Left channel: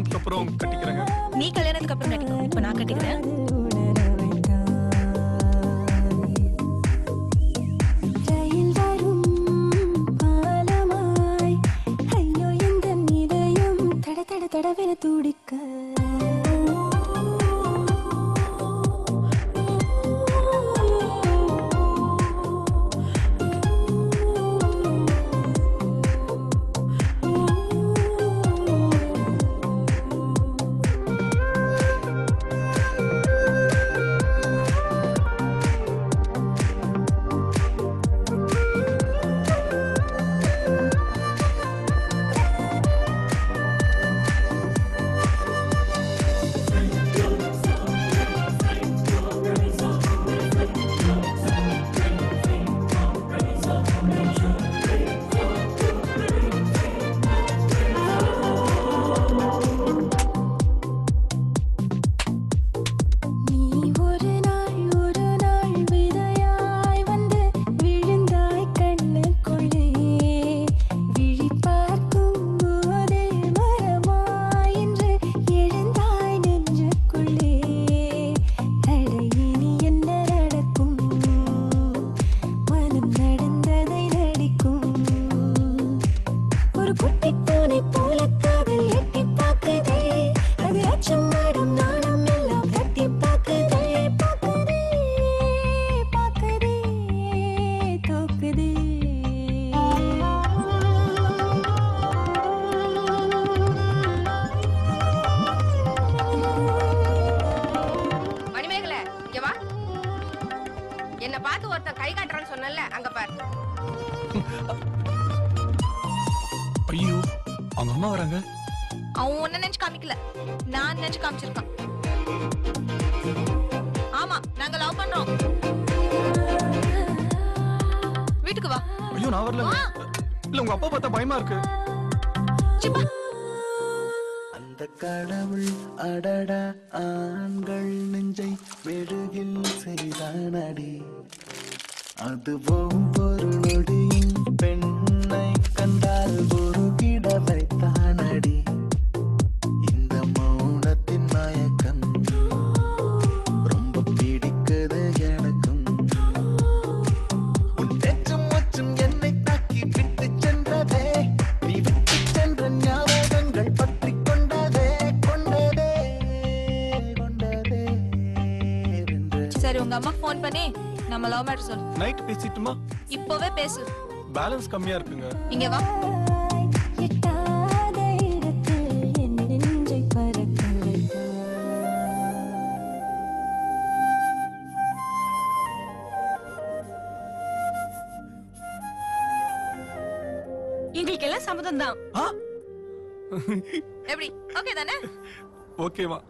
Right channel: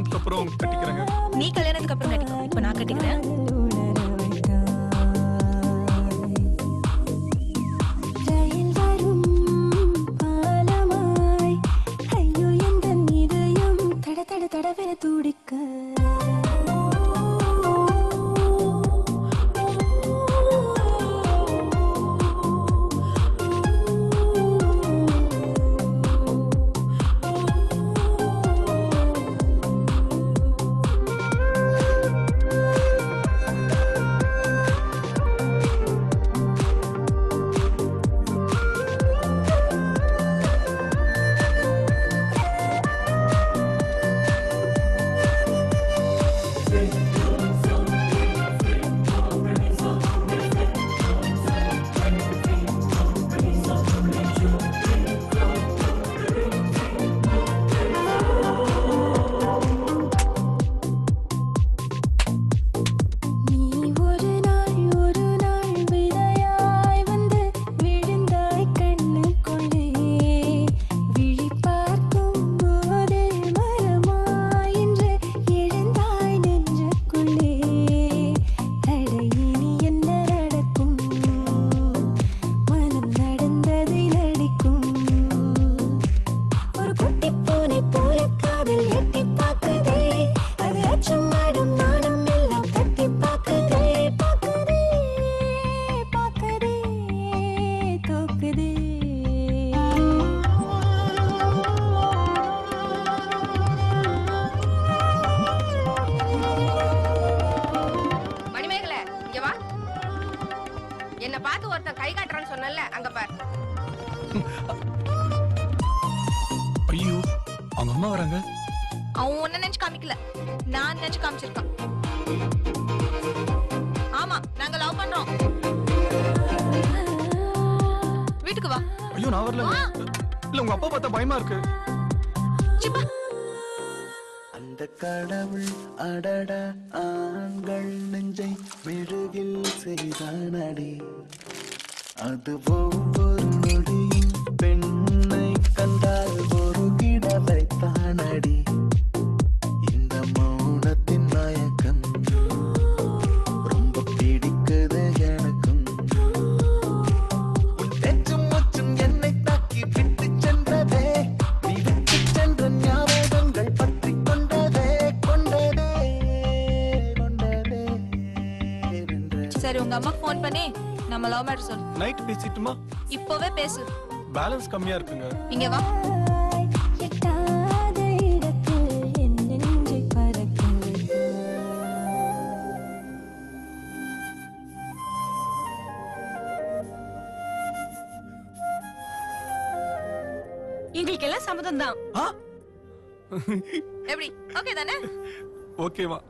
கல்யாணத்துக்கு அப்புறம் கட்டிக்கிறேங்க. நீ கல்யாணத்துக்கு அப்புறம் கட்டிக்கோ, இப்ப நான் கட்டிக்கிறேன். தடவென துடிக்க என்ன பார்த்து ஒருத்தன் கை காட்டுறான்னு சொன்னல, அங்க பாரு. ஐயோ, அவங்க அம்மா வராங்க. அவன் ஒன்ன நினைச்சு காமிக்கல, நான் நினைச்சு காமிச்சிருக்கான். ஆமா, நாங்க லவ் பண்றோம். வீட்டுக்கு வா. ஐயோ, நான் வரல. இல்ல, உங்க அப்பா பார்த்தா பயமா இருக்கு. சிப்பா. அந்த கடவுள் அடடா ஆண்கள் நெஞ்சை மெழுகில் செய்தானடி, அது ஒவ்வொரு நொடியும் பெண்ணை கண்டால் ஒரு கிட வைத்தானடி. இந்த மௌனத்தின் மயக்கம் ரொம்ப பிடிக்குது எனக்கும். உன் பேச்சும் மூச்சும் என்னை தாக்கி விட்டு சென்றதே, நீ விட்டு சென்ற ஞாபகங்கள் பற்றி கொண்டதே கொண்டதே கொண்டதே. சரி, உங்க அம்மா போன் பண்ணி நம்ம லவ் மேட்டர் சொல்லு. நைட் பேசிட்டுமா? இப்பவே பேசு. பேலன்ஸ் கம்மியா இருக்குங்க. இங்க வா. எட்டாத இடத்தில் என் நெஞ்சை பறக்க வைத்தாய். எங்களுக்கு எல்லாம் சம்மதம் தான். ஆ? எப்படி? ஓகே தானே? ஓகேவா?